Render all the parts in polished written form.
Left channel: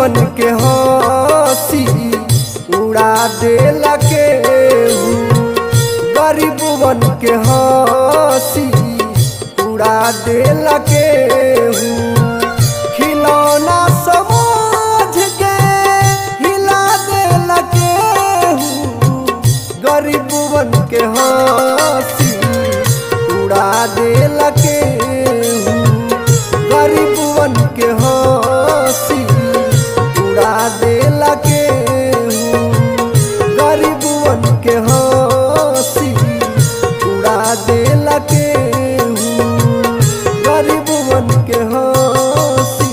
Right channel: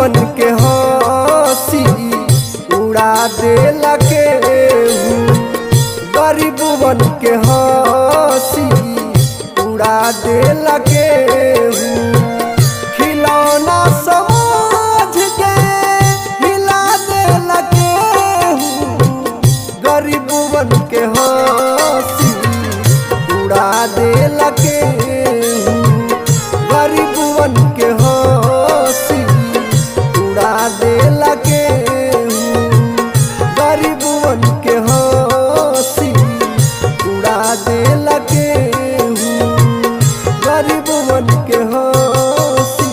गरीबवन के हंसी उड़ा देला केहू, गरीबवन के हंसी उड़ा देला केहू। खिलौना समझ के हिला देला केहू, गरीबवन के हंसी उड़ा देला केहू, गरीबवन के हंसी उड़ा देला केहू, गरीबवन के हंसी उड़ा देला केहू, गरीबवन के हंसी।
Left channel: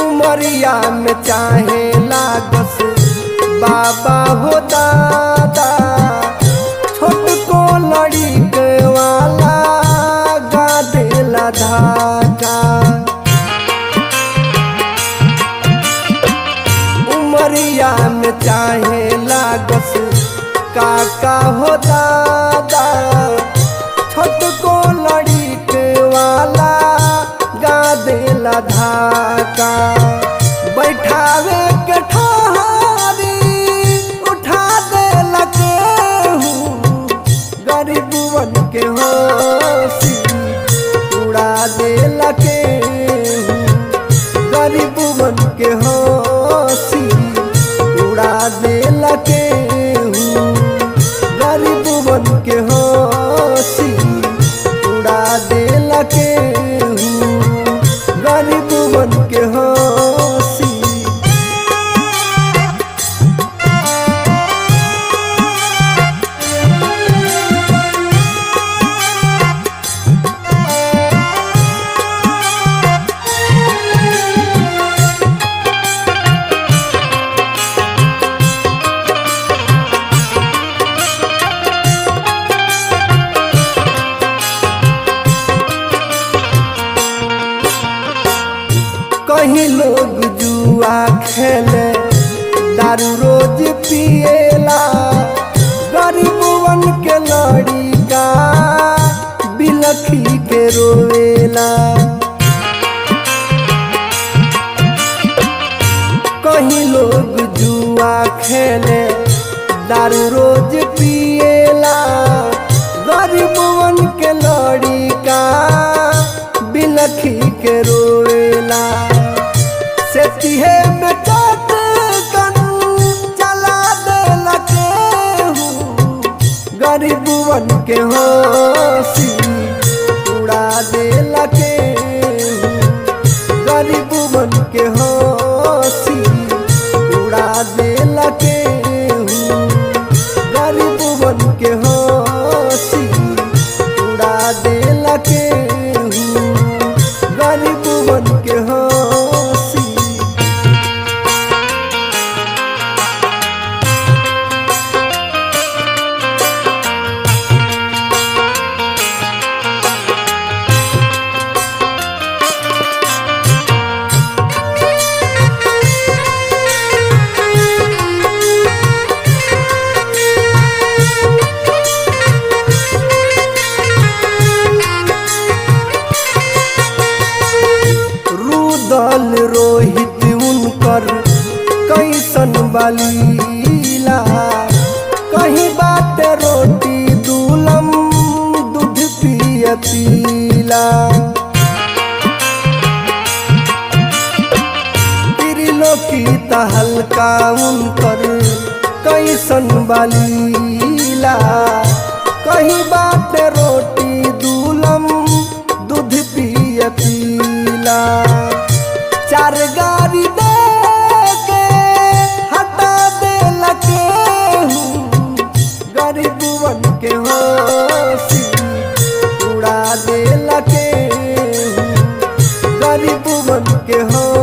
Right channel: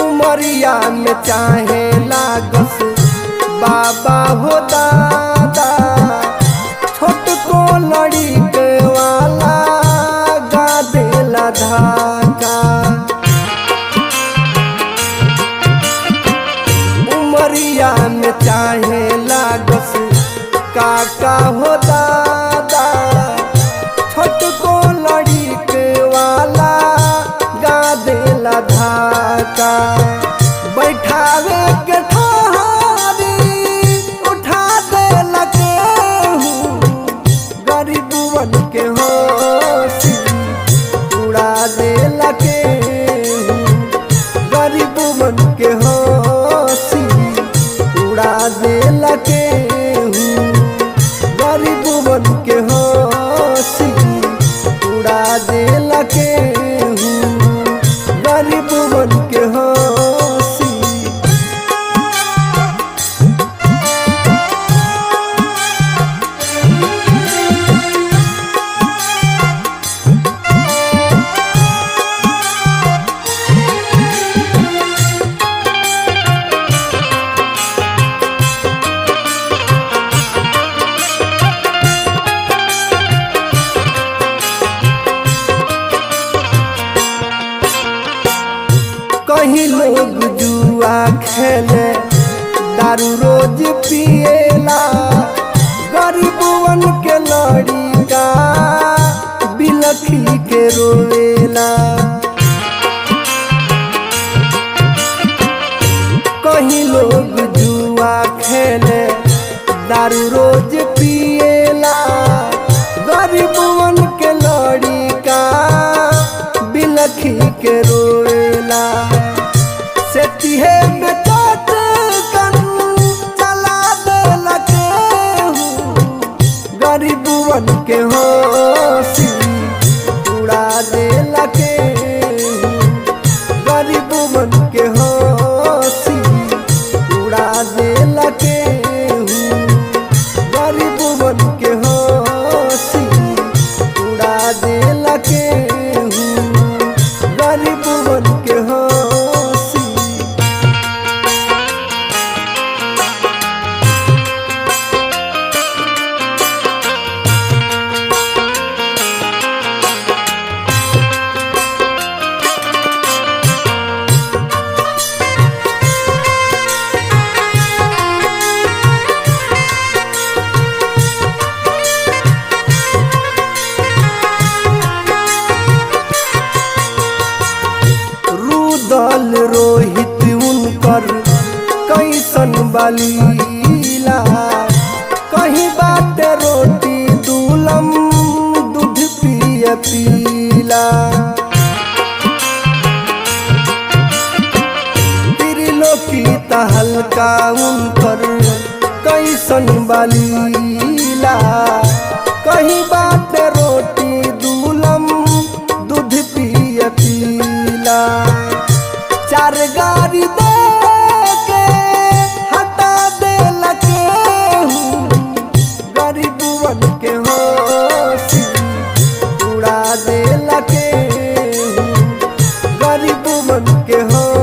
उमरिया में चाहे लागस बाबा हो दादा, छोट को लड़ी के वाला गा देला धाका। उमरिया में चाहे लागस काका हो दादा, छोट को लड़ी के वाला गा देला धाका। बैठावे के ठहरी उठा देला केहू, गरीबवन के हंसी उड़ा देला केहू, गरीबवन के हंसी उड़ा देला केहू, गरीबवन के हंसी उड़ा देला केहू, गरीबवन के हंसी। कहीं लोग जुआ खेले दारू रोज पिएला, गरीबवन के लड़िका बिलखी के रोवेला। कहीं लोग जुआ खेले दारू रोज पिएला, गरीबवन के लड़िका बिलखी के रोवेला। सेतिहे में चाट कन चला देला केहू, गरीबवन के हंसी उड़ा देला केहू, गरीबवन के हंसी उड़ा देला केहू, गरीबवन के हंसी उड़ा देला केहू, गरीबवन के हंसी। रुदल रोहित उनकर कैसन बलीला, कहीं बाटे रोटी दूलम दूध पिय पीला। त्रिलोकी तहलका उनकर कैसन बलीला, कहीं बाटे रोटी दूलम दूध पिय पीला। चार गाड़ी दे के हटा देला केहू, गरीबवन के हंसी उड़ा देला केहू, गरीबवन के हंसी